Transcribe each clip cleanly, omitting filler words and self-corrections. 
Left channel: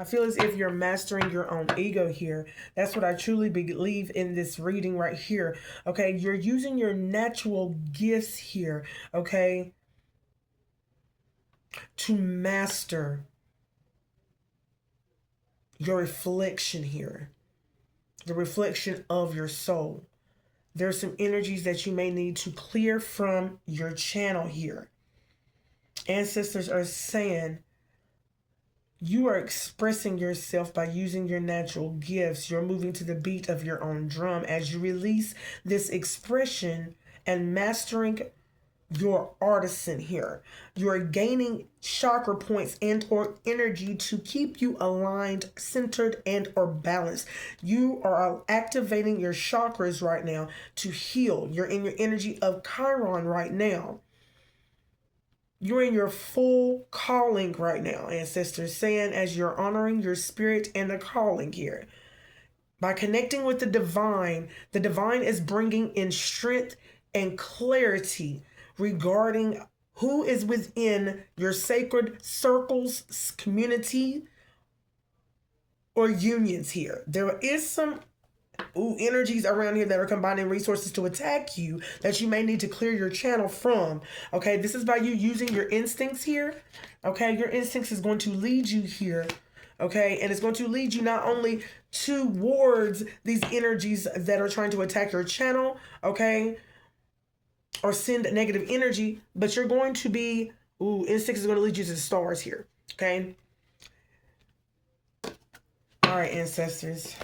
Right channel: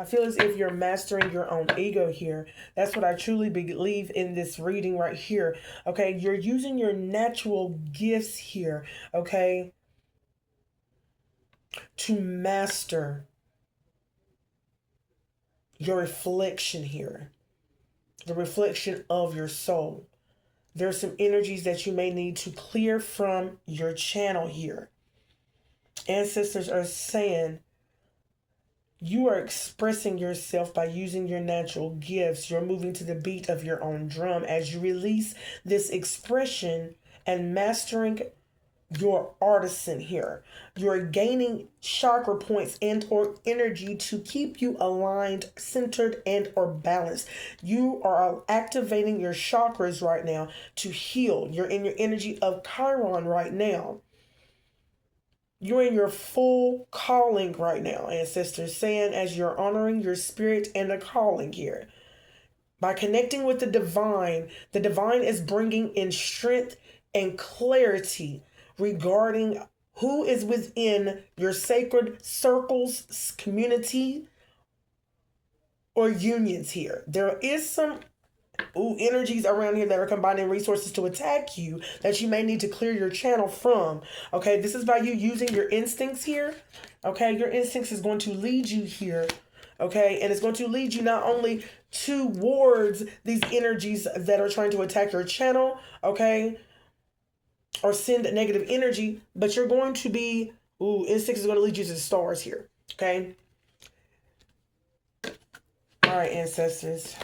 I feel as if you're mastering your own ego here. That's what I truly believe in this reading right here. Okay, you're using your natural gifts here, okay, to master your reflection here, the reflection of your soul. There's some energies that you may need to clear from your channel here. Ancestors are saying you are expressing yourself by using your natural gifts. You're moving to the beat of your own drum as you release this expression and mastering your artisan here. You're gaining chakra points and or energy to keep you aligned, centered, and or balanced. You are activating your chakras right now to heal. You're in your energy of Chiron right now. You're in your full calling right now, ancestors, saying as you're honoring your spirit and the calling here. By connecting with the divine is bringing in strength and clarity regarding who is within your sacred circles, community, or unions here. There is some energies around here that are combining resources to attack you that you may need to clear your channel from. Okay, this is by you using your instincts here. Okay, your instincts is going to lead you here. Okay, and it's going to lead you not only towards these energies that are trying to attack your channel, okay, or send negative energy, but you're going to be, instincts is going to lead you to the stars here. Okay. All right, ancestors.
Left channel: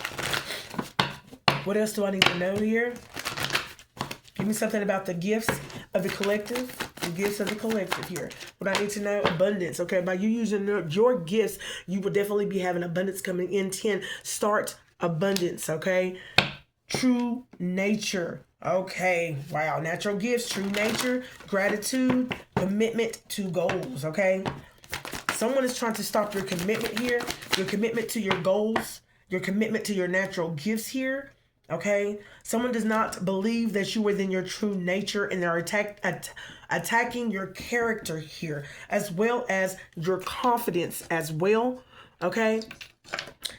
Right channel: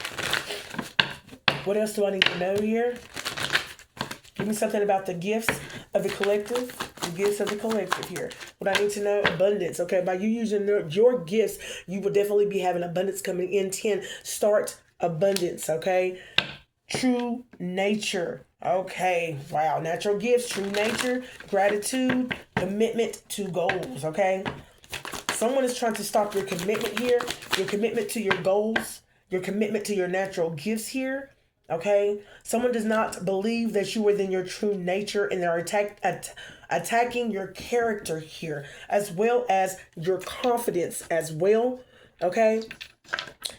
What else do I need to know here? Give me something about the gifts of the collective. The gifts of the collective here. What I need to know, abundance. Okay, by you using your gifts, you will definitely be having abundance coming in. 10, start abundance. Okay. True nature. Okay. Wow. Natural gifts, true nature, gratitude, commitment to goals. Okay. Someone is trying to stop your commitment here, your commitment to your goals, your commitment to your natural gifts here. Okay, someone does not believe that you are within your true nature, and they're attacking your character here, as well as your confidence as well. Okay,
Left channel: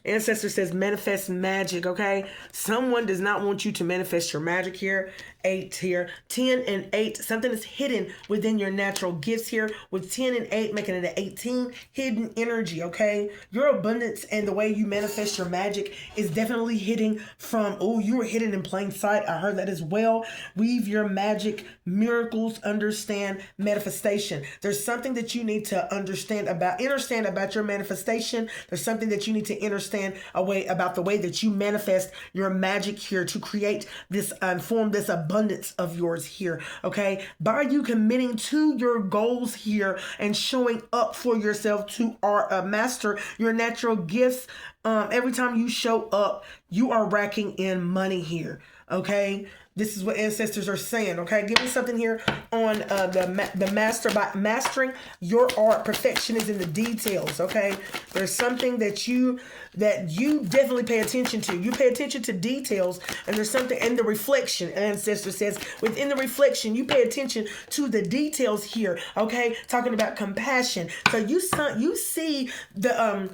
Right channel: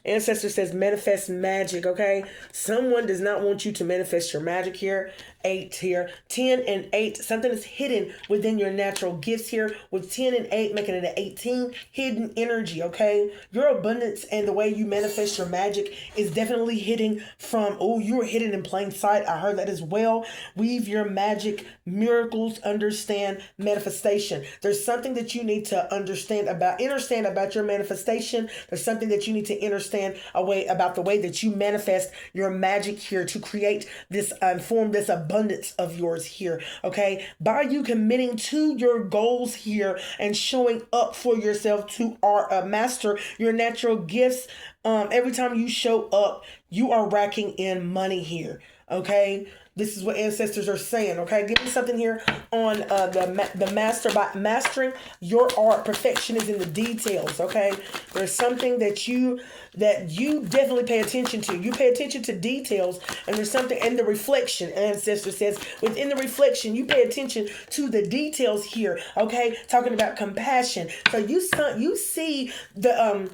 ancestor says manifest magic. Okay, someone does not want you to manifest your magic here. 8 here, 10 and 8, something is hidden within your natural gifts here, with 10 and 8 making it an 18, hidden energy. Okay, your abundance and the way you manifest your magic is definitely hidden from, you were hidden in plain sight. I heard that as well. Weave your magic, miracles, understand manifestation. There's something that you need to understand about your manifestation. There's something that you need to understand about the way that you manifest your magic here to create this, form this abundance of yours here. Okay, by you committing to your goals here and showing up for yourself to master your natural gifts. Every time you show up, you are racking in money here. Okay, this is what ancestors are saying. Okay, give me something here on the master. By mastering your art, perfection is in the details. Okay, there's something that you definitely pay attention to. You pay attention to details, and there's something in the reflection. Ancestor says within the reflection, you pay attention to the details here. Okay, talking about compassion. So you see the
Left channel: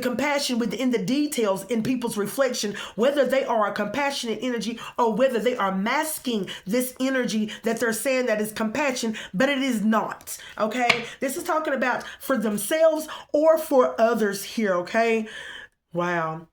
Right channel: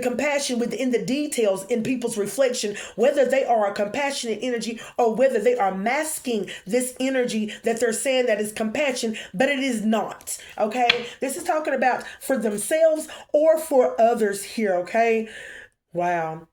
compassion within the details in people's reflection, whether they are a compassionate energy or whether they are masking this energy that they're saying that is compassion, but it is not. Okay, this is talking about for themselves or for others here. Okay. Wow.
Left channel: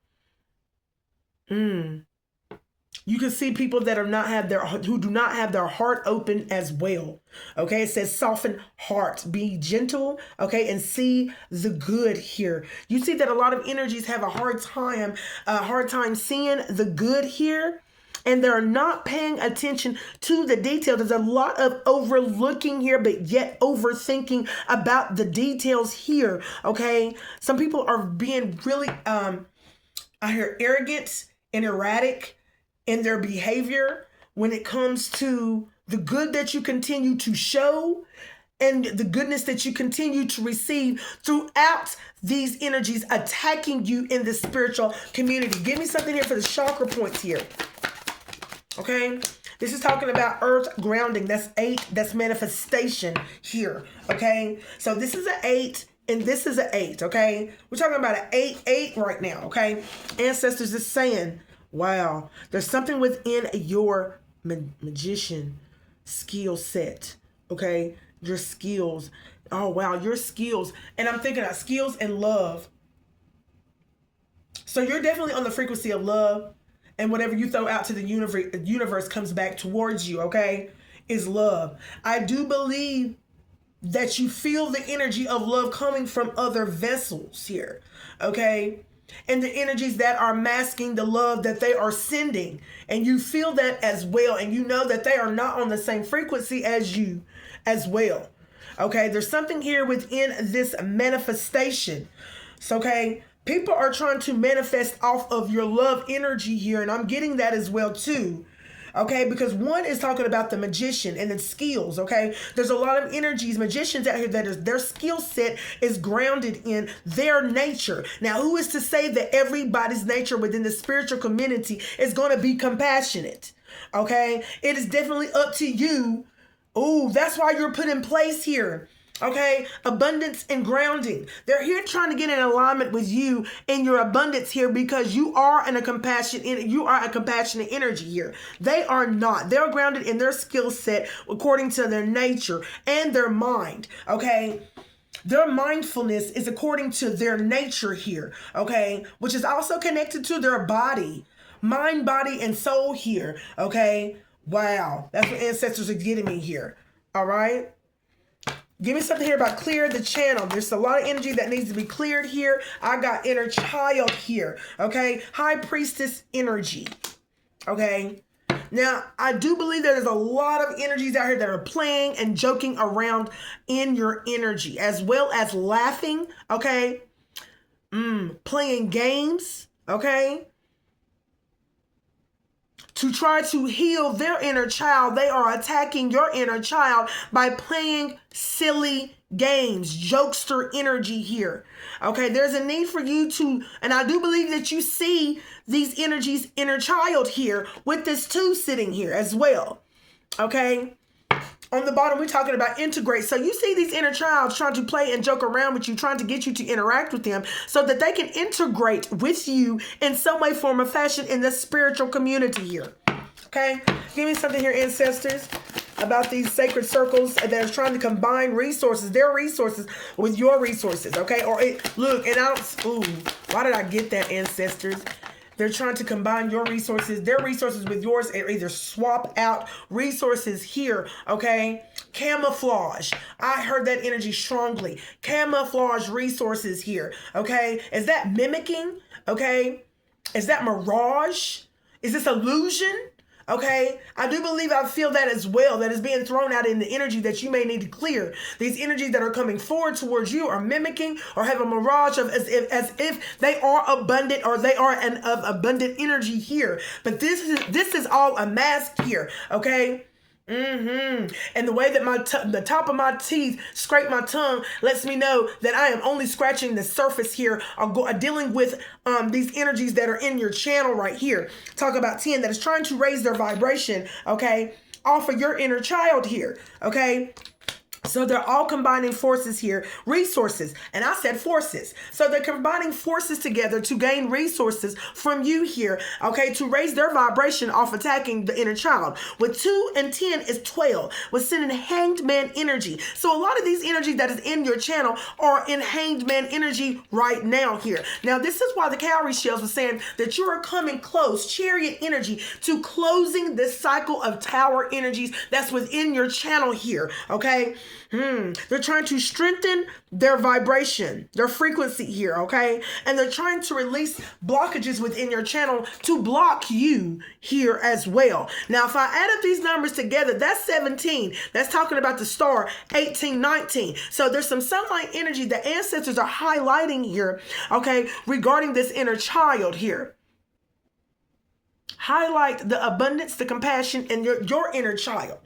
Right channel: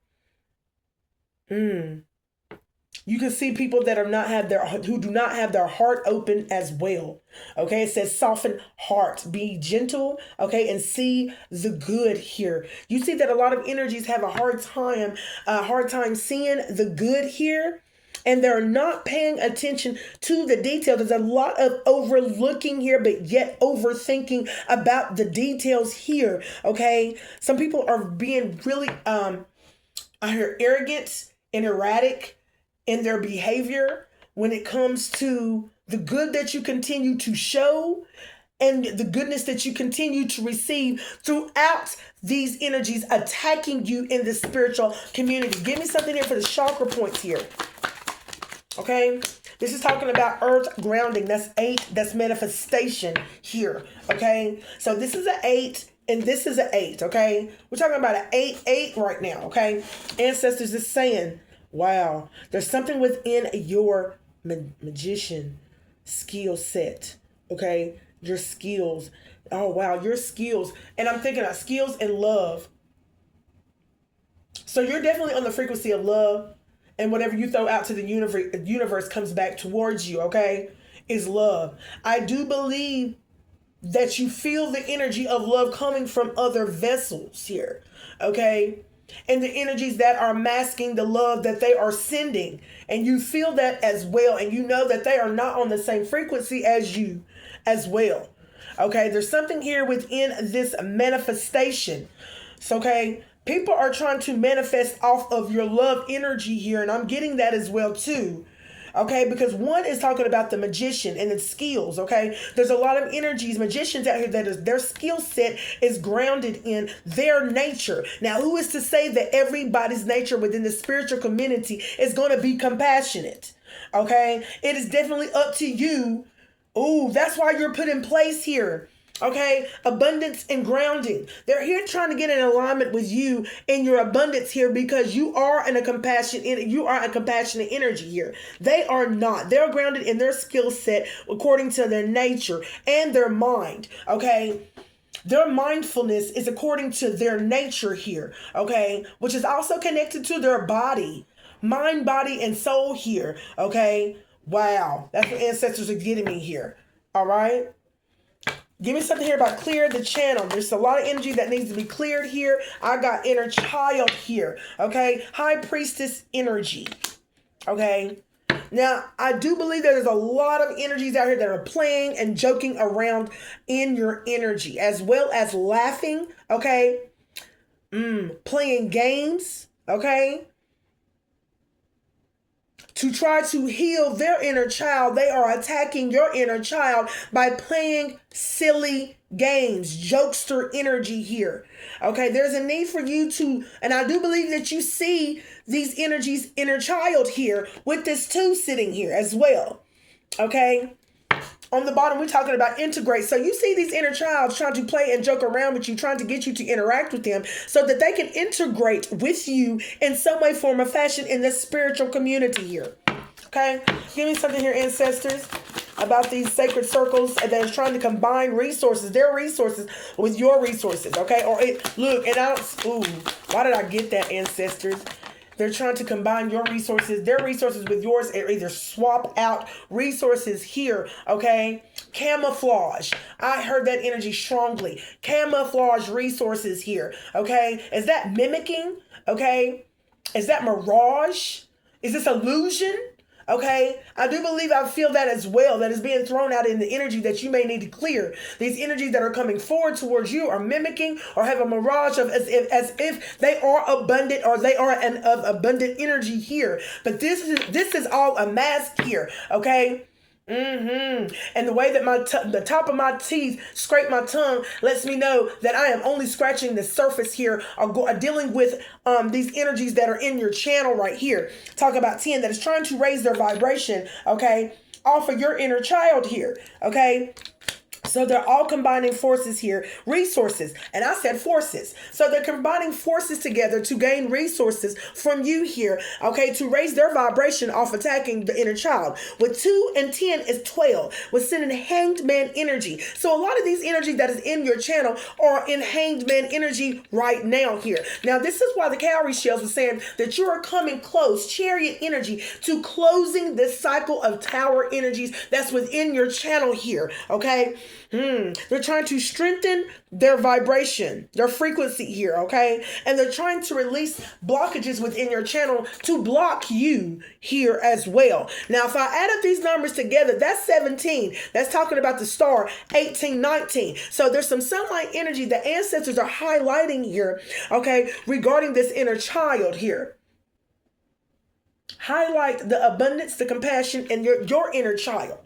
You can see people that who do not have their heart open as well. Okay, it says soften heart, be gentle, okay, and see the good here. You see that a lot of energies have a hard time seeing the good here, and they're not paying attention to the detail. There's a lot of overlooking here, but yet overthinking about the details here. Okay, some people are being really I hear arrogant and erratic in their behavior when it comes to the good that you continue to show and the goodness that you continue to receive throughout these energies attacking you in the spiritual community. Give me something here for the chakra points here. Okay, this is talking about earth grounding. That's 8. That's manifestation here. Okay, so this is an 8. And this is an 8, okay? We're talking about an 8 right now, okay? Ancestors is saying, wow, there's something within your magician skill set, okay? Your skills. Oh, wow, your skills. And I'm thinking of skills and love. So you're definitely on the frequency of love. And whatever you throw out to the universe comes back towards you, okay? Is love. I do believe that you feel the energy of love coming from other vessels here, okay? And the energies that are masking the love that they are sending. And you feel that as well. And you know that they are not on the same frequency as you as well. Okay, there's something here within this manifestation. So, okay, people are trying to manifest off of your love energy here. And I'm getting that as well too. Okay, because one is talking about the magician and its skills, okay? There's a lot of energies, magicians out here that is their skill set is grounded in their nature. Now, who is to say that everybody's nature within the spiritual community is going to be compassionate? Okay, it is definitely up to you. Ooh, that's why you're put in place here. Okay, abundance and grounding. They're here trying to get in alignment with you in your abundance here because you are a compassionate energy here. They are not. They're grounded in their skill set according to their nature and their mind. Okay. Their mindfulness is according to their nature here. Okay, which is also connected to their body, mind, body, and soul here. Okay. Wow, that's what ancestors are getting me here. All right. Give me something here about clear the channel. There's a lot of energy that needs to be cleared here. I got inner child here. Okay. High priestess energy. Okay. Now, I do believe there's a lot of energies out here that are playing and joking around in your energy, as well as laughing. Okay. Playing games. Okay. To try to heal their inner child, they are attacking your inner child by playing silly games, jokester energy here. Okay, there's a need for you to, and I do believe that you see these energies, inner child here with this 2 sitting here as well. Okay. On the bottom, we're talking about integrate. So you see these inner childs trying to play and joke around with you, trying to get you to interact with them so that they can integrate with you in some way, form, or fashion in the spiritual community here. Okay? Give me something here, ancestors, about these sacred circles that are trying to combine resources, their resources with your resources. Okay? Or look, and why did I get that, ancestors? They're trying to combine your resources, their resources with yours, or either swap out resources here, okay? Camouflage. I heard that energy strongly. Camouflage resources here, okay? Is that mimicking, okay? Is that mirage? Is this illusion? Okay, I do believe I feel that as well, that is being thrown out in the energy that you may need to clear. These energies that are coming forward towards you are mimicking or have a mirage of as if they are abundant or they are of abundant energy here. But this is all a mask here, okay? And the way that the top of my teeth scrape my tongue lets me know that I am only scratching the surface here or dealing with these energies that are in your channel right here. Talk about 10 that is trying to raise their vibration, okay, off of your inner child here, okay? So they're all combining forces here, resources, and I said forces. So they're combining forces together to gain resources from you here, okay, to raise their vibration off attacking the inner child. With 2 and 10 is 12, with sending hanged man energy. So a lot of these energies that is in your channel are in hanged man energy right now here. Now, this is why the cowrie shells were saying that you are coming close, chariot energy, to closing this cycle of tower energies that's within your channel here, okay? They're trying to strengthen their vibration, their frequency here, okay? And they're trying to release blockages within your channel to block you here as well. Now, if I add up these numbers together, that's 17. That's talking about the star, 18, 19. So there's some sunlight energy that ancestors are highlighting here, okay, regarding this inner child here. Highlight the abundance, the compassion, and your inner child.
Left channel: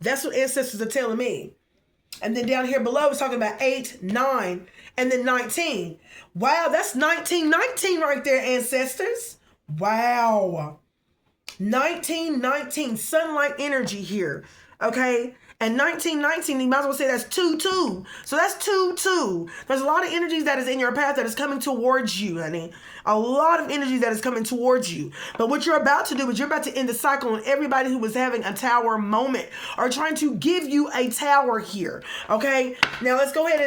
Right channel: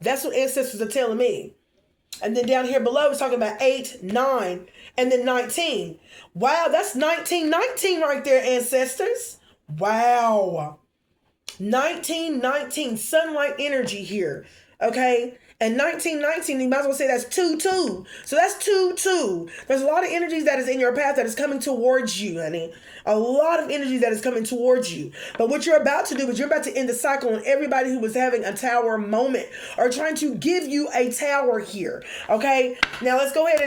That's what ancestors are telling me. And then down here below, it's talking about 8, 9, and then 19. Wow, that's 19 right there, ancestors. Wow. 19, sunlight energy here. Okay? And 1919, you might as well say that's 2-2. So that's 2-2. There's a lot of energies that is in your path that is coming towards you, honey. A lot of energy that is coming towards you. But what you're about to do is you're about to end the cycle on everybody who was having a tower moment or trying to give you a tower here. Okay? Now let's go ahead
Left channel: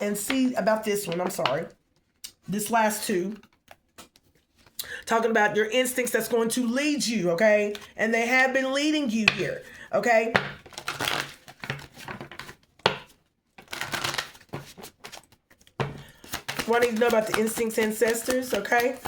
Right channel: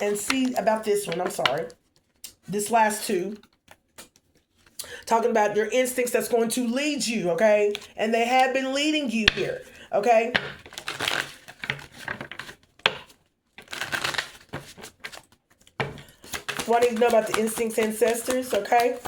and see about this one. I'm sorry. This last two. Talking about your instincts that's going to lead you, okay? And they have been leading you here, okay? Wanting to know about the instincts ancestors, okay?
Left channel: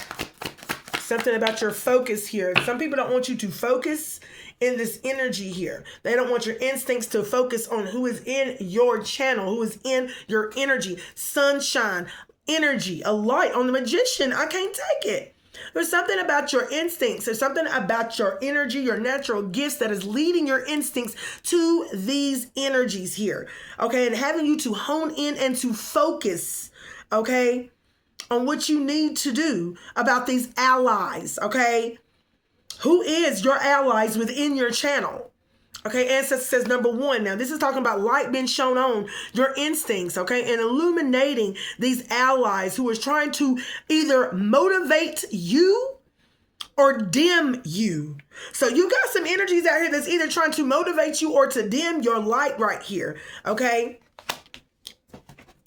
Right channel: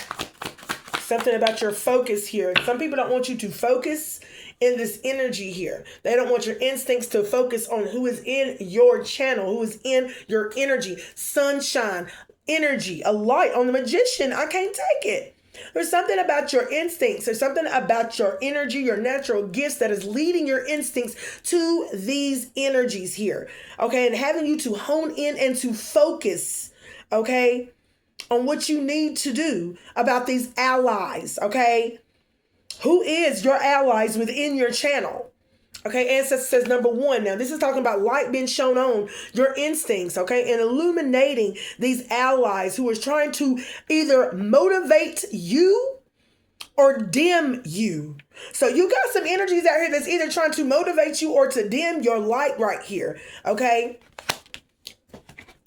Something about your focus here. Some people don't want you to focus in this energy here. They don't want your instincts to focus on who is in your channel, who is in your energy. Sunshine, energy, a light. On the Magician, I can't take it. There's something about your instincts. There's something about your energy, your natural gifts that is leading your instincts to these energies here. Okay, and having you to hone in and to focus, okay, on what you need to do about these allies, okay? Who is your allies within your channel? Okay, Ancestor says number one. Now, this is talking about light being shown on your instincts, okay, and illuminating these allies who is trying to either motivate you or dim you. So you got some energies out here that's either trying to motivate you or to dim your light right here, okay?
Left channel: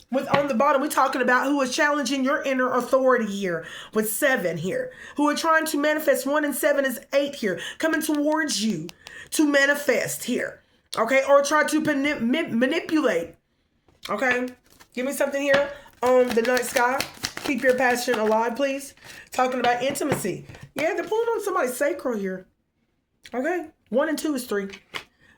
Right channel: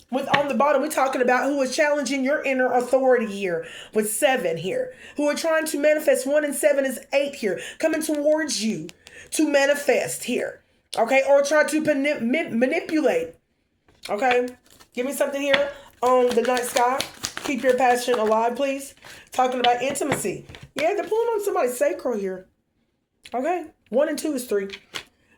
With on the bottom, we're talking about who is challenging your inner authority here with 7 here. Who are trying to manifest 1 and 7 is 8 here. Coming towards you to manifest here. Okay, or try to manipulate. Okay, give me something here on the night sky. Keep your passion alive, please. Talking about intimacy. Yeah, they're pulling on somebody's sacral here. Okay, 1 and 2 is 3.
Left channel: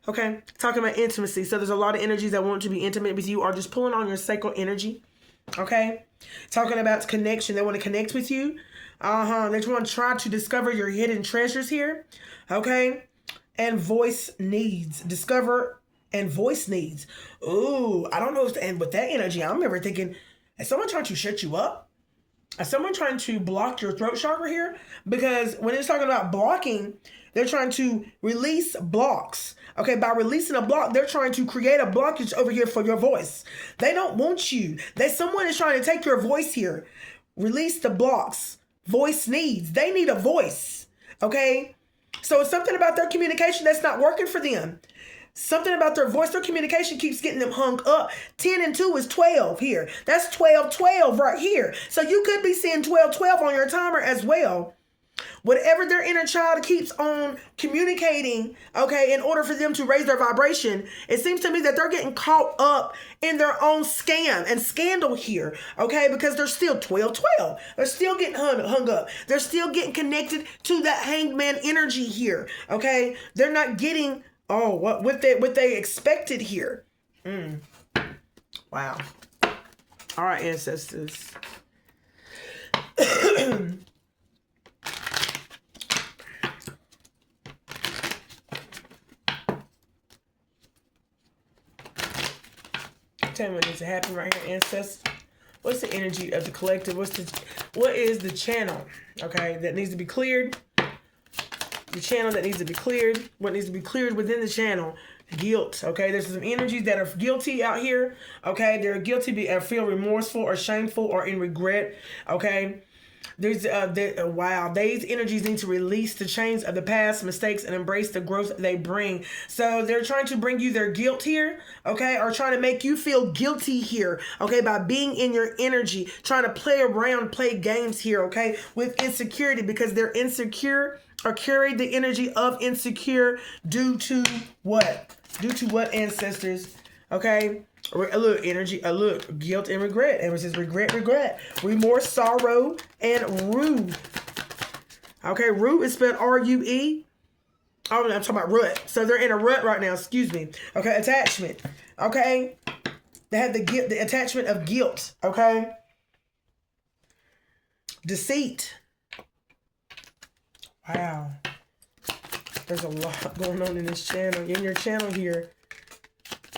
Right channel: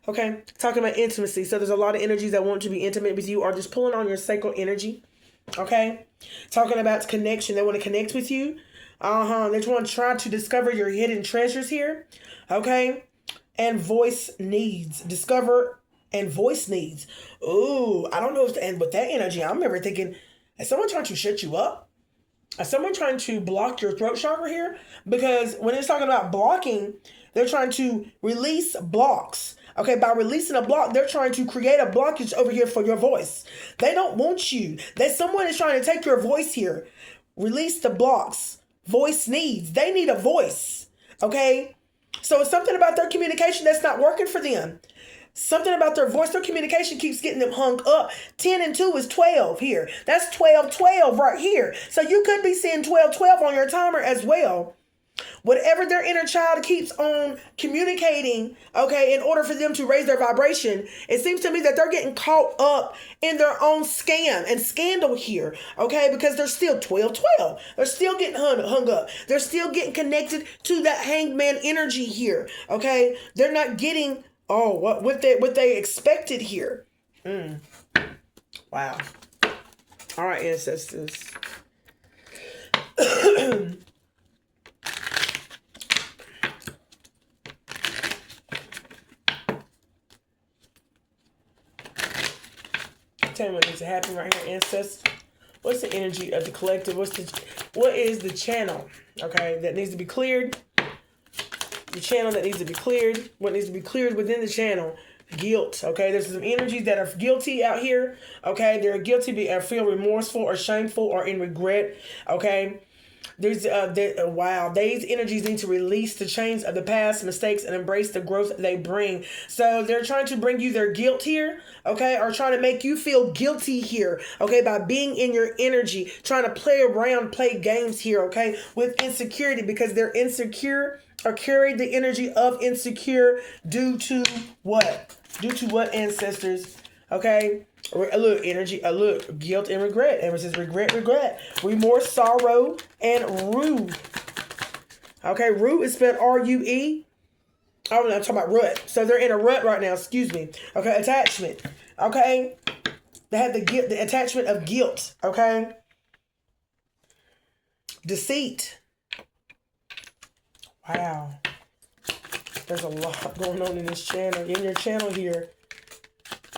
Okay, talking about intimacy. So there's a lot of energies that want to be intimate with you or just pulling on your sacral energy. Okay, talking about connection. They want to connect with you. They want to try to discover your hidden treasures here. Okay, and voice needs. Discover and voice needs. Ooh, I don't know what's to end with that energy. I remember thinking, is someone trying to shut you up? Is someone trying to block your throat chakra here? Because when it's talking about blocking, they're trying to release blocks. Okay, by releasing a block, they're trying to create a blockage over here for your voice. They don't want you. Someone is trying to take your voice here. Release the blocks. Voice needs. They need a voice. Okay? So it's something about their communication that's not working for them. Something about their voice, their communication keeps getting them hung up. 10 and 2 is 12 here. That's 12-12 right here. So you could be seeing 12-12 on your timer as well. Whatever their inner child keeps on communicating, okay, in order for them to raise their vibration, it seems to me that they're getting caught up in their own scam and scandal here, okay, because they're still 12-12. They're still getting hung up. They're still getting connected to that hangman energy here, okay? They're not getting, what they expected here. Wow. All right, ancestors. Tell me what needs to happen right here, ancestors. What's the energy of the collective? What is the channel, okay, that needs to be cleared? The channel that needs to be cleared. What needs to be cleared within the channel? Guilt, okay? There's some energies that are guilty out here, okay? They're guilty and feel remorseful or shameful or in regret, okay? These energies need to release the chains of the past mistakes and embrace the growth they bring. So they're trying to bring you their guilt here, okay, or trying to make you feel guilty here, okay, by being in your energy, trying to play around, play games here, okay, with insecurity because they're insecure or carry the energy of insecure due to what? Due to what, ancestors? Okay? Look, energy, look, guilt and regret. And it says regret, remorse, sorrow, and rue. Okay, rue is spelled R-U-E. Oh, I'm talking about rut. So they're in a rut right now, excuse me. Okay, attachment. Okay? They have the attachment of guilt. Okay? Deceit. Wow. There's a lot going on in this channel. In your channel here.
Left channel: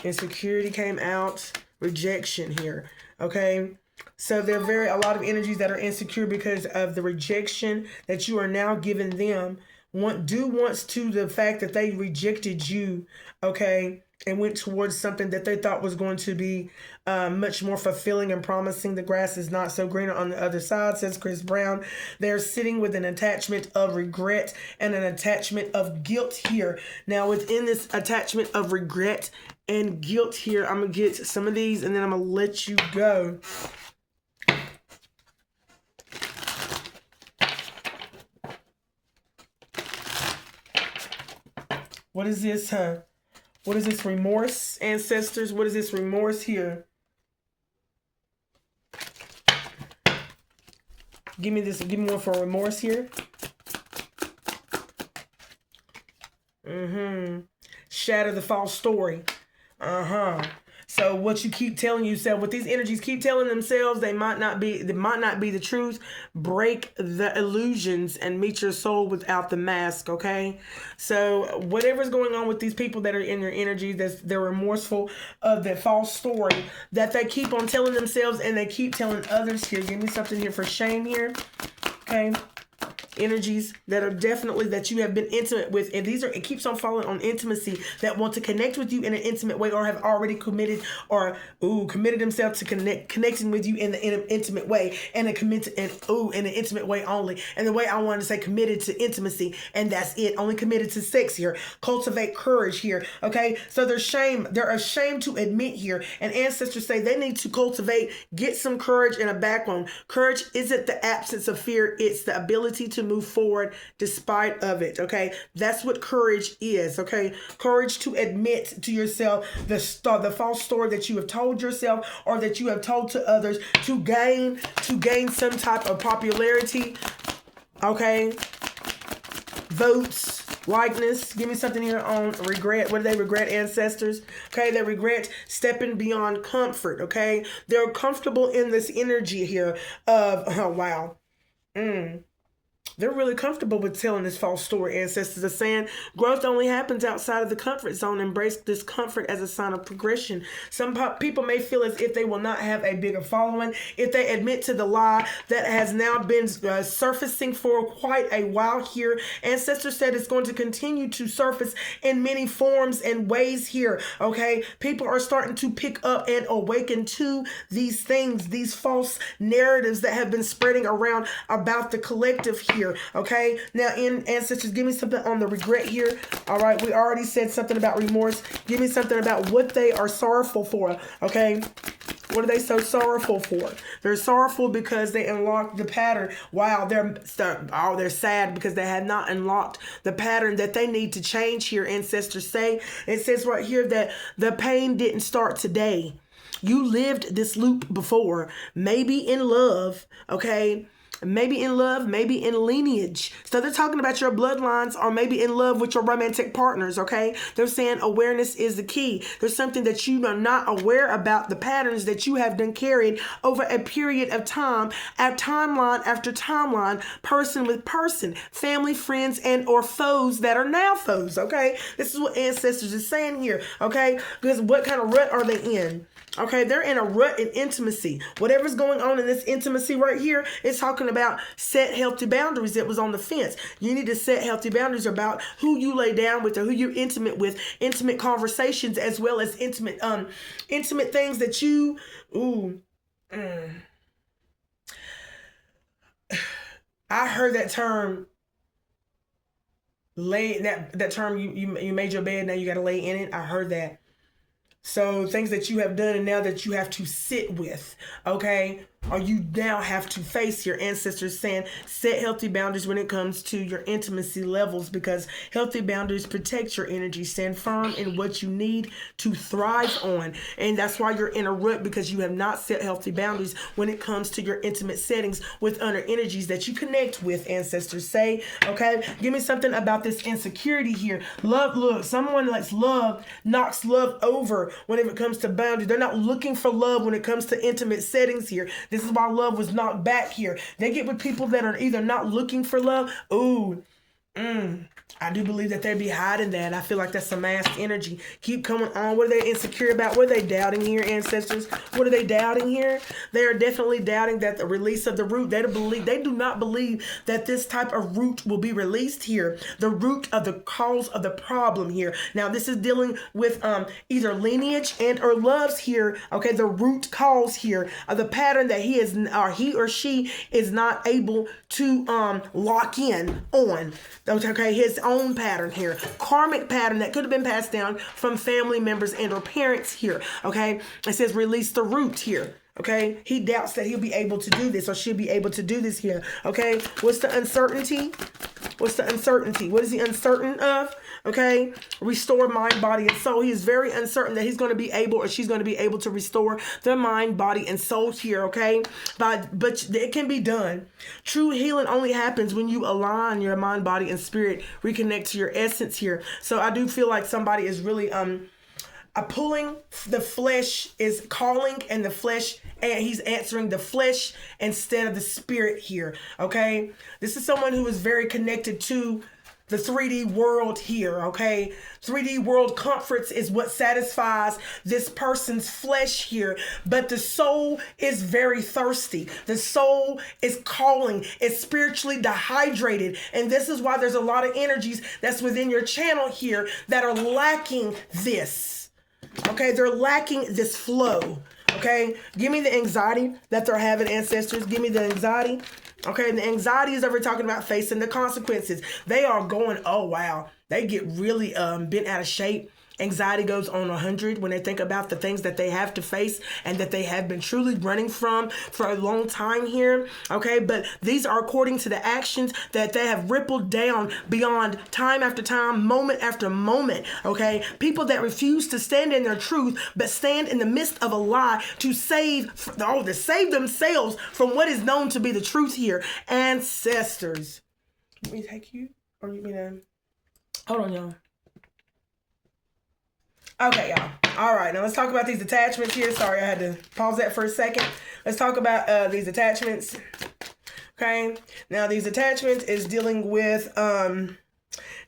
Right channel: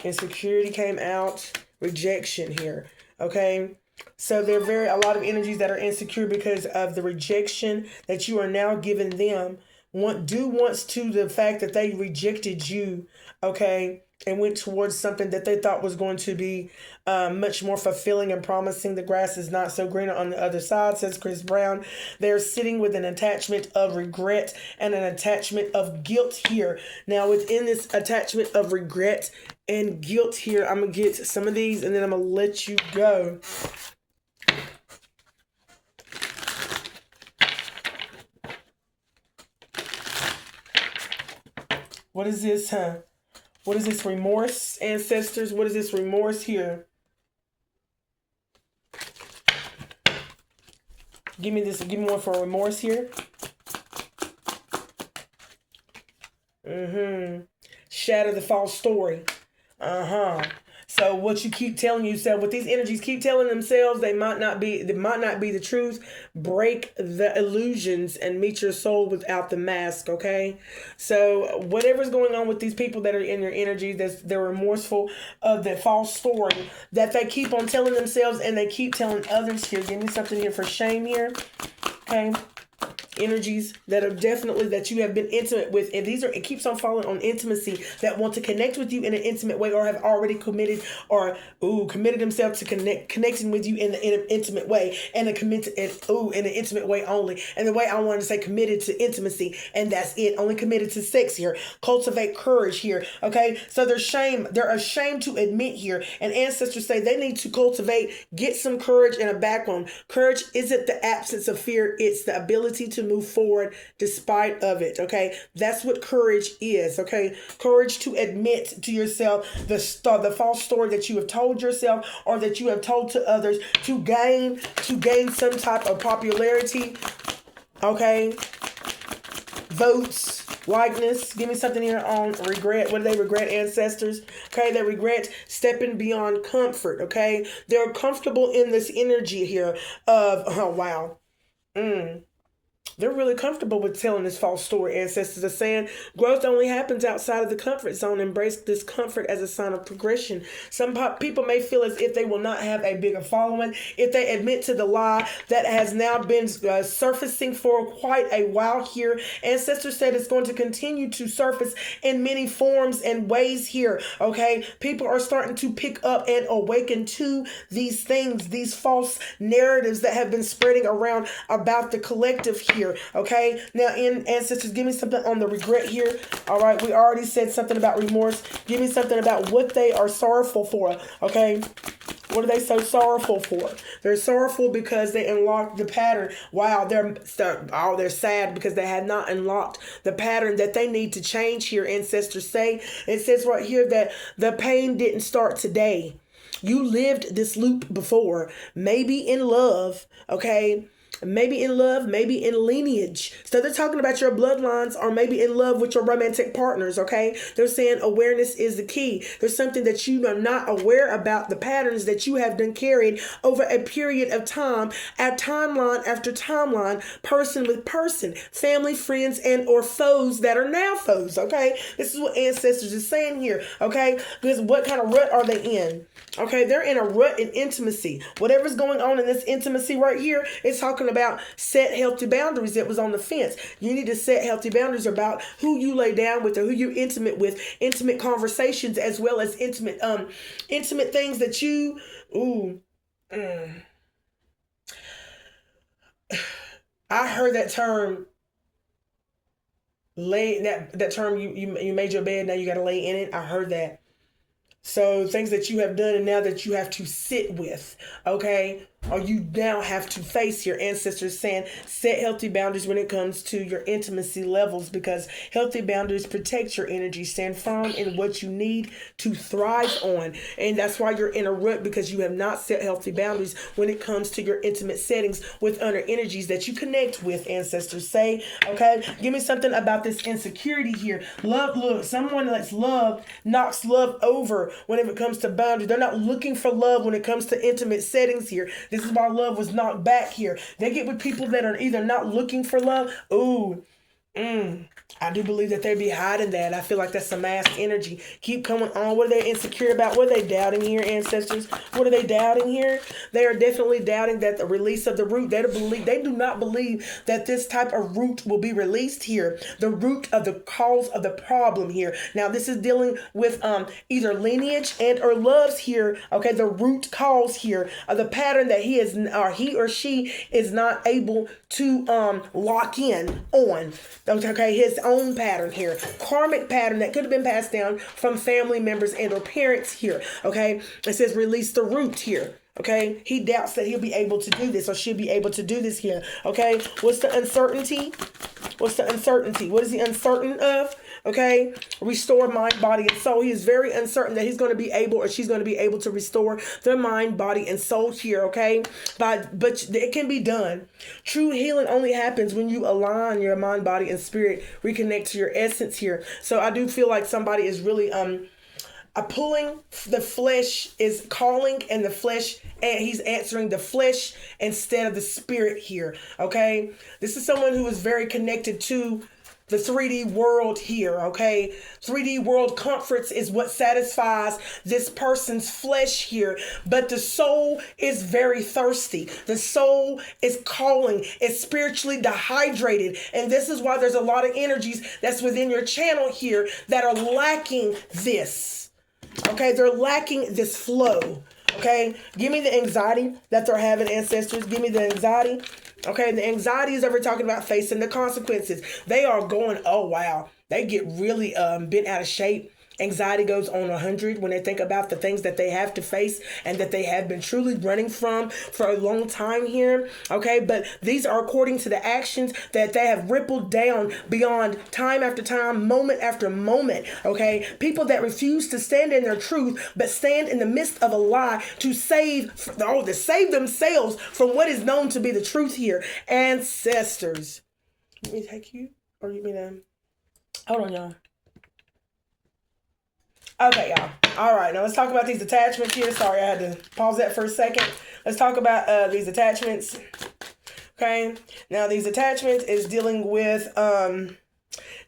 Insecurity came out. Rejection here. Okay? So there are a lot of energies that are insecure because of the rejection that you are now giving them. Due once to the fact that they rejected you. Okay? and went towards something that they thought was going to be much more fulfilling and promising. The grass is not so greener on the other side, says Chris Brown. They're sitting with an attachment of regret and an attachment of guilt here. Now, within this attachment of regret and guilt here, I'm going to get some of these and then I'm going to let you go. What is this, huh? What is this remorse, ancestors? What is this remorse here? Give me this. Give me one for remorse here. Shatter the false story. So what you keep telling yourself, what these energies keep telling themselves, they might not be the truth. Break the illusions and meet your soul without the mask, okay? So whatever's going on with these people that are in your energy, they're remorseful of that false story that they keep on telling themselves and they keep telling others here. Give me something here for shame here, okay? Energies that are definitely that you have been intimate with, and these are, it keeps on falling on intimacy, that want to connect with you in an intimate way or have already committed themselves to connecting with you in an intimate way, and in an intimate way only. And the way I want to say committed to intimacy, and that's it, only committed to sex here. Cultivate courage here, okay? So they're ashamed to admit here, and ancestors say they need to cultivate, get some courage and a backbone. Courage isn't the absence of fear, it's the ability to move forward despite of it, okay? That's what courage is, okay? Courage to admit to yourself the false story that you have told yourself or that you have told to others to gain some type of popularity, okay? Votes, likeness. Give me something here on regret. What do they regret, ancestors? Okay, they regret stepping beyond comfort, okay? They're comfortable in this energy here of, oh, wow. They're really comfortable with telling this false story. Ancestors are saying growth only happens outside of the comfort zone. Embrace this comfort as a sign of progression. Some people may feel as if they will not have a bigger following if they admit to the lie that has now been surfacing for quite a while here. Ancestors said it's going to continue to surface in many forms and ways here, okay? People are starting to pick up and awaken to these things, these false narratives that have been spreading around about the collective here, okay? Now, in ancestors, give me something on the regret here. All right, we already said something about remorse. Give me something about what they are sorrowful for, okay? What are they so sorrowful for? They're sorrowful because they unlocked the pattern. Wow, they're sad because they had not unlocked the pattern that they need to change here, ancestors say. It says right here that the pain didn't start today. You lived this loop before, maybe in love, okay? Maybe in love, maybe in lineage. So they're talking about your bloodlines or maybe in love with your romantic partners, okay? They're saying awareness is the key. There's something that you are not aware about, the patterns that you have been carried over a period of time, at timeline after timeline, person with person, family, friends, and or foes that are now foes, okay? This is what ancestors is saying here, okay? Because what kind of rut are they in? Okay, they're in a rut in intimacy. Whatever's going on in this intimacy right here, it's talking about set healthy boundaries that was on the fence. You need to set healthy boundaries about who you lay down with or who you're intimate with, intimate conversations, as well as intimate things that you, I heard that term, that term, you made your bed, now you got to lay in it. I heard that. So things that you have done and now that you have to sit with, okay? Or you now have to face your ancestors saying, set healthy boundaries when it comes to your intimacy levels, because healthy boundaries protect your energy. Stand firm in what you need to thrive on. And that's why you're in a rut, because you have not set healthy boundaries when it comes to your intimate settings with other energies that you connect with, ancestors say, okay? Give me something about this insecurity here. Look, someone that's love knocks love over when it comes to boundaries. They're not looking for love when it comes to intimate settings here. This is why love was knocked back here. They get with people that are either not looking for love. I do believe that they be hiding that. I feel like that's some masked energy. Keep coming on. What are they insecure about? What are they doubting here, ancestors? What are they doubting here? They are definitely doubting that the release of the root. They do not believe that this type of root will be released here. The root of the cause of the problem here. Now, this is dealing with either lineage and or loves here. Okay, the root cause here of the pattern that he or she is not able to lock in on. Okay, his own pattern here, karmic pattern that could have been passed down from family members and or parents here. Okay, it says release the root here. Okay, he doubts that he'll be able to do this or she'll be able to do this here. Okay, what's the uncertainty? What's the uncertainty? What is he uncertain of? Okay, restore mind, body, and soul. He is very uncertain that he's going to be able or she's going to be able to restore their mind, body, and soul here. Okay, but it can be done. True healing only happens when you align your mind, body, and spirit, reconnect to your essence here. So I do feel like somebody is really pulling. The flesh is calling, and the flesh, and he's answering the flesh instead of the spirit here. Okay, this is someone who is very connected to the 3D world here. Okay, 3D world comforts is what satisfies this person's flesh here, but the soul is very thirsty. The soul is calling. It's spiritually dehydrated, and this is why there's a lot of energies that's within your channel here that are lacking this. Okay, they're lacking this flow. Okay, give me the anxiety that they're having, ancestors. Give me the anxiety. Okay, the anxiety is that we're talking about facing the consequences. They are going, oh wow, they get really bent out of shape. Anxiety goes on 100 when they think about the things that they have to face and that they have been truly running from for a long time here. Okay, but these are according to the actions that they have rippled down beyond time after time, moment after moment. Okay, people that refuse to stand in their truth but stand in the midst of a lie to save themselves from what is known to be the truth here. Ancestors. Let me take you, or you mean hold on, y'all. Okay, y'all. All right, now let's talk about these attachments here. Sorry, I had to pause that for a second. Let's talk about these attachments. Okay, now these attachments is dealing with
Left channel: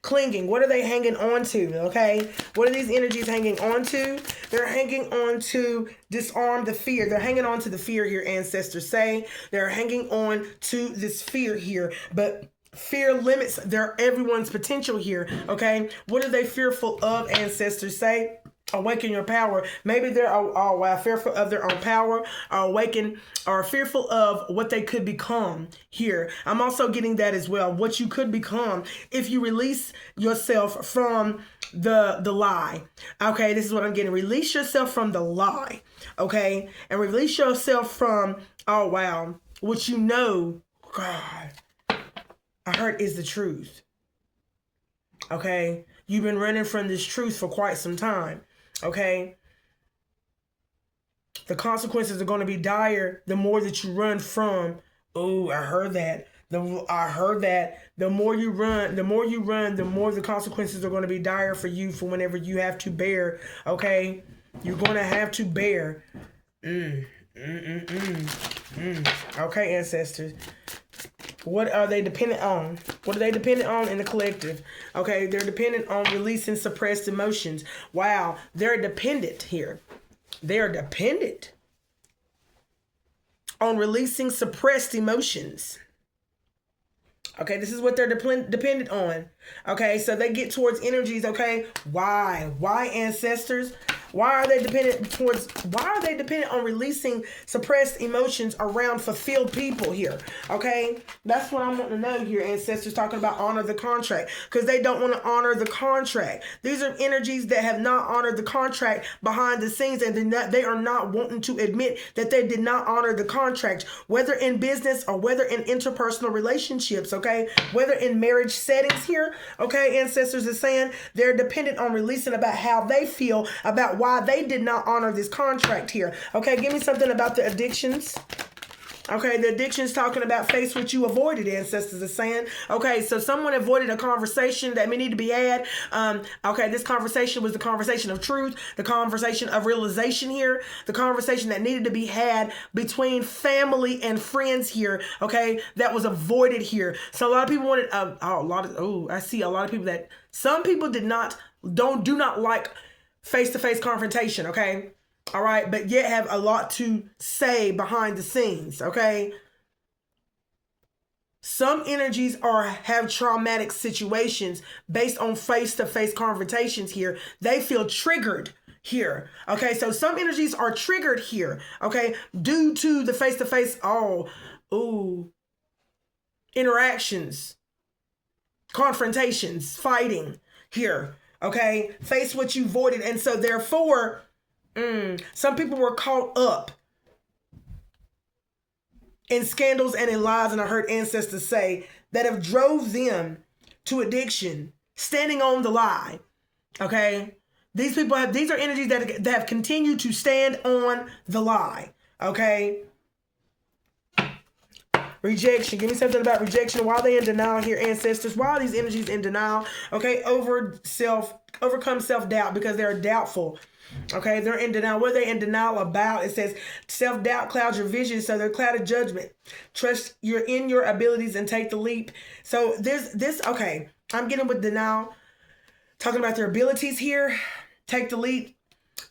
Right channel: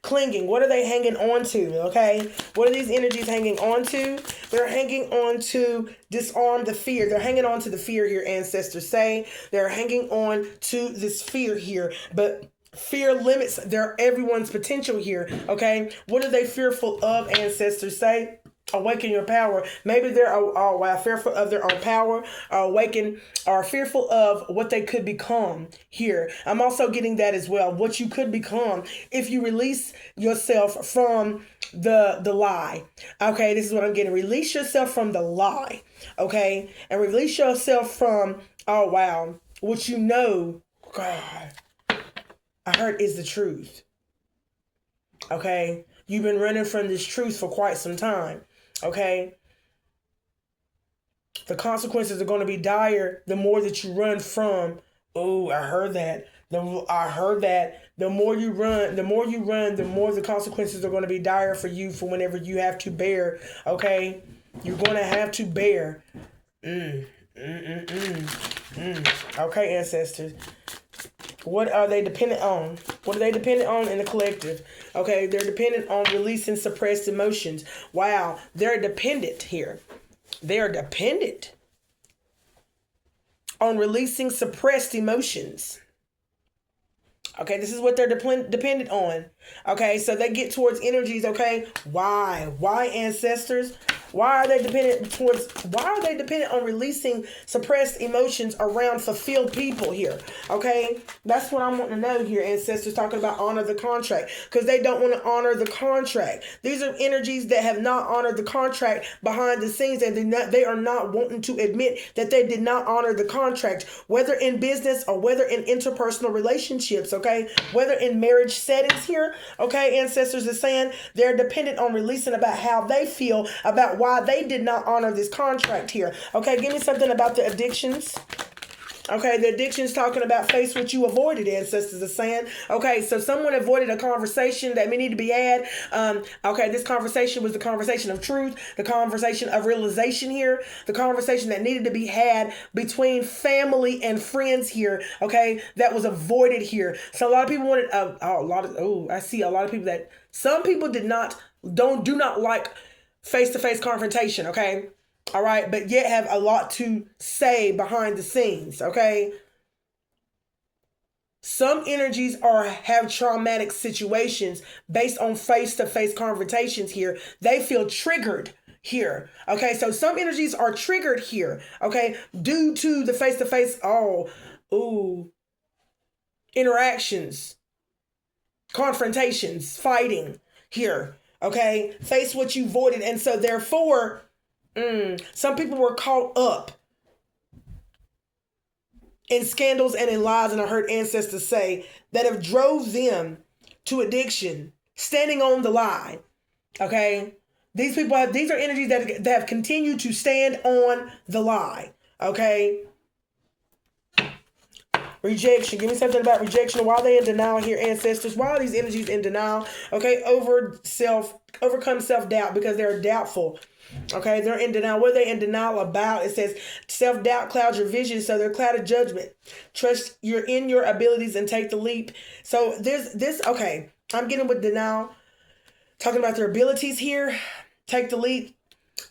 clinging. What are they hanging on to? Okay, what are these energies hanging on to? They're hanging on to disarm the fear. They're hanging on to the fear here, ancestors say. They're hanging on to this fear here, but fear limits everyone's potential here. Okay, what are they fearful of, ancestors say? Awaken your power. Maybe they're fearful of their own power, or fearful of what they could become here. I'm also getting that as well. What you could become if you release yourself from the lie. Okay, this is what I'm getting. Release yourself from the lie. Okay, and release yourself from what you know. God, I heard is the truth. Okay, you've been running from this truth for quite some time. Okay, the consequences are going to be dire the more that you run from. Oh, I heard that. The more you run, the more the consequences are going to be dire for you for whenever you have to bear. Okay, you're going to have to bear. Okay, ancestors. What are they dependent on? What are they dependent on in the collective? Okay, they're dependent on releasing suppressed emotions. Wow, they're dependent here. They're dependent on releasing suppressed emotions. Okay, this is what they're dependent on. Okay, so they get towards energies. Okay, why? Why, ancestors? Why are they dependent on releasing suppressed emotions around fulfilled people here? Okay, that's what I'm wanting to know here, ancestors, talking about honor the contract, because they don't want to honor the contract. These are energies that have not honored the contract behind the scenes, and they are not wanting to admit that they did not honor the contract, whether in business or whether in interpersonal relationships. Okay, whether in marriage settings here. Okay, ancestors are saying they're dependent on releasing about how they feel about why they did not honor this contract here. Okay, give me something about the addictions. Okay, the addiction is talking about face what you avoided, ancestors are saying. Okay, so someone avoided a conversation that may need to be had. Okay, this conversation was the conversation of truth, the conversation of realization here, the conversation that needed to be had between family and friends here. Okay, that was avoided here. So a lot of people wanted I see a lot of people that some people do not like face-to-face confrontation. Okay. All right, but yet have a lot to say behind the scenes, okay? Some energies have traumatic situations based on face-to-face confrontations here. They feel triggered here, okay? So some energies are triggered here, okay? Due to the face-to-face, interactions, confrontations, fighting here, okay? Face what you avoided, and so therefore, some people were caught up in scandals and in lies, and I heard ancestors say that have drove them to addiction, standing on the lie. Okay, these are energies that have continued to stand on the lie. Okay, rejection. Give me something about rejection. Why are they in denial here, ancestors? Why are these energies in denial? Okay, overcome self-doubt because they're doubtful. Okay, they're in denial. What are they in denial about? It says self-doubt clouds your vision, so they're clouded judgment. Trust you're in your abilities and take the leap. So okay, I'm getting with denial. Talking about their abilities here. Take the leap.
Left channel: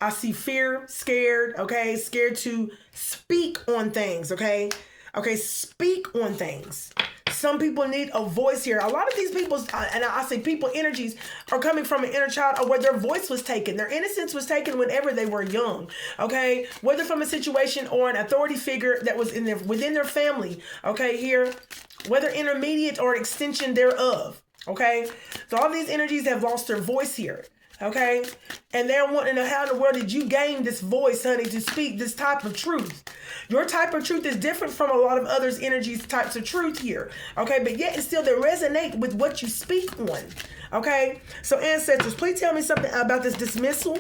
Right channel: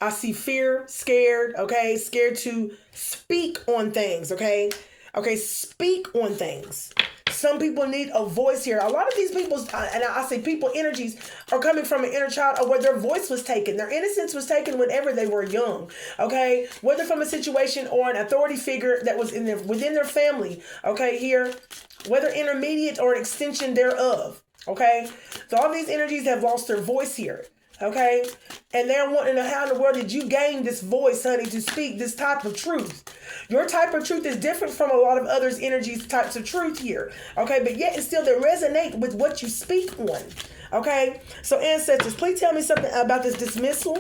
I see fear, scared, okay? Scared to speak on things, okay? Okay, speak on things. Some people need a voice here. A lot of these people, and I say people energies, are coming from an inner child or where their voice was taken. Their innocence was taken whenever they were young, okay? Whether from a situation or an authority figure that was within their family, okay, here. Whether intermediate or an extension thereof, okay? So all these energies have lost their voice here. Okay, and they're wanting to know how in the world did you gain this voice, honey, to speak this type of truth. Your type of truth is different from a lot of others' energies, types of truth here. Okay, but yet it's still they resonate with what you speak on. Okay, so ancestors, please tell me something about this dismissal.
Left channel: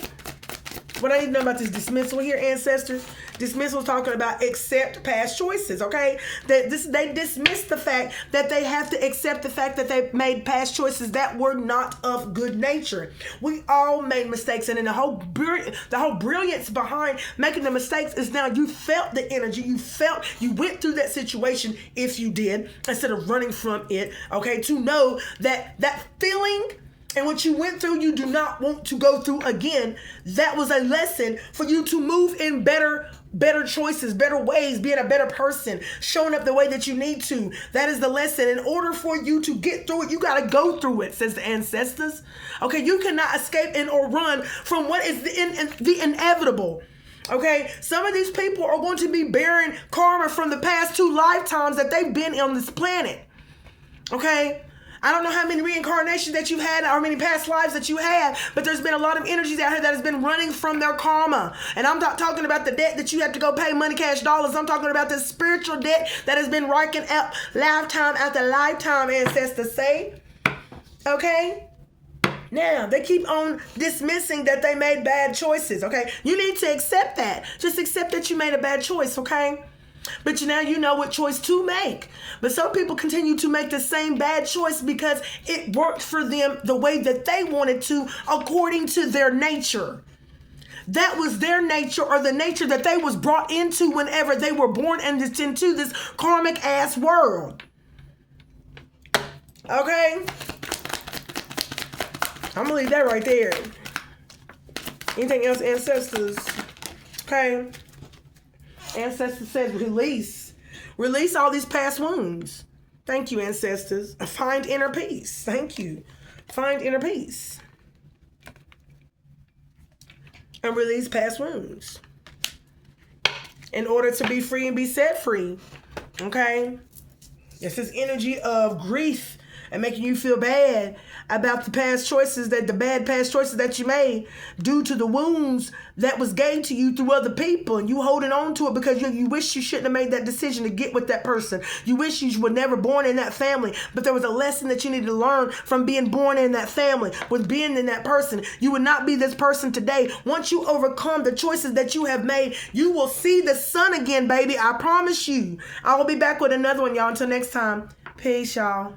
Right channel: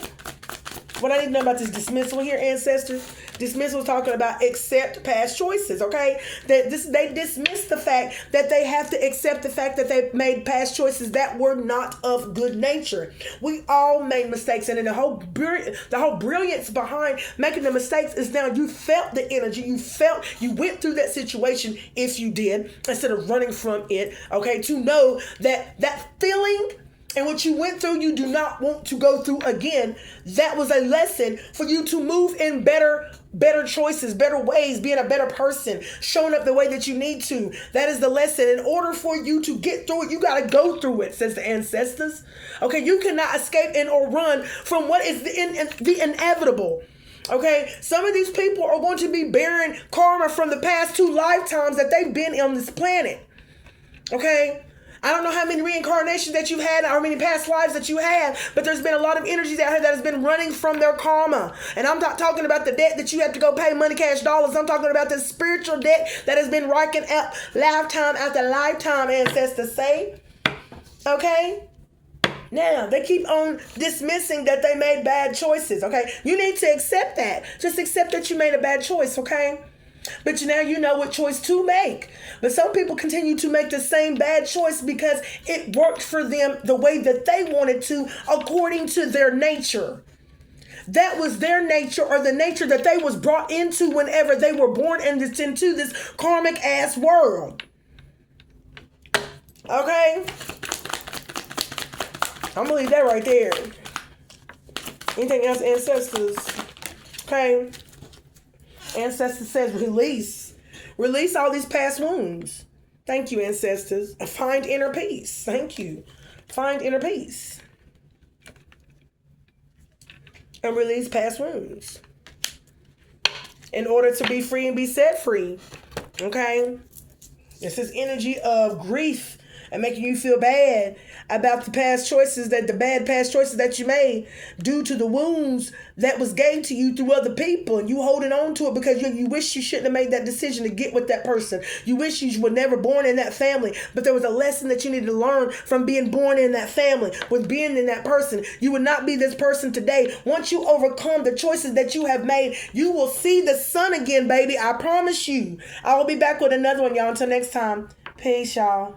What I need to know about this dismissal here, ancestors. Dismissal is talking about accept past choices, okay? They dismiss the fact that they have to accept the fact that they made past choices that were not of good nature. We all made mistakes, and then the whole brilliance behind making the mistakes is now you felt the energy, you went through that situation, if you did, instead of running from it, okay? To know that feeling and what you went through, you do not want to go through again. That was a lesson for you to move in better choices, better ways, being a better person, showing up the way that you need to. That is the lesson. In order for you to get through it, you got to go through it, says the ancestors. Okay, you cannot escape or run from what is the inevitable. Okay, some of these people are going to be bearing karma from the past 2 lifetimes that they've been on this planet. Okay, I don't know how many reincarnations that you've had or how many past lives that you have, but there's been a lot of energies out here that has been running from their karma. And I'm not talking about the debt that you have to go pay money, cash, dollars. I'm talking about the spiritual debt that has been racking up lifetime after lifetime, ancestors say. Okay? Now, they keep on dismissing that they made bad choices, okay? You need to accept that. Just accept that you made a bad choice, okay? But now you know what choice to make. But some people continue to make the same bad choice because it worked for them the way that they wanted to, according to their nature. That was their nature, or the nature that they was brought into whenever they were born and into this karmic ass world. Okay? I'm gonna leave that right there. Anything else, ancestors? Okay. Ancestors says release. Release all these past wounds. Thank you, ancestors. Find inner peace. Thank you. Find inner peace. And release past wounds. In order to be free and be set free. Okay? This is energy of grief and making you feel bad about the bad past choices that you made due to the wounds that was gained to you through other people, and you holding on to it because you wish you shouldn't have made that decision to get with that person. You wish you were never born in that family, but there was a lesson that you needed to learn from being born in that family, with being in that person. You would not be this person today. Once you overcome the choices that you have made, you will see the sun again, baby. I promise you. I will be back with another one, y'all. Until next time, peace, y'all.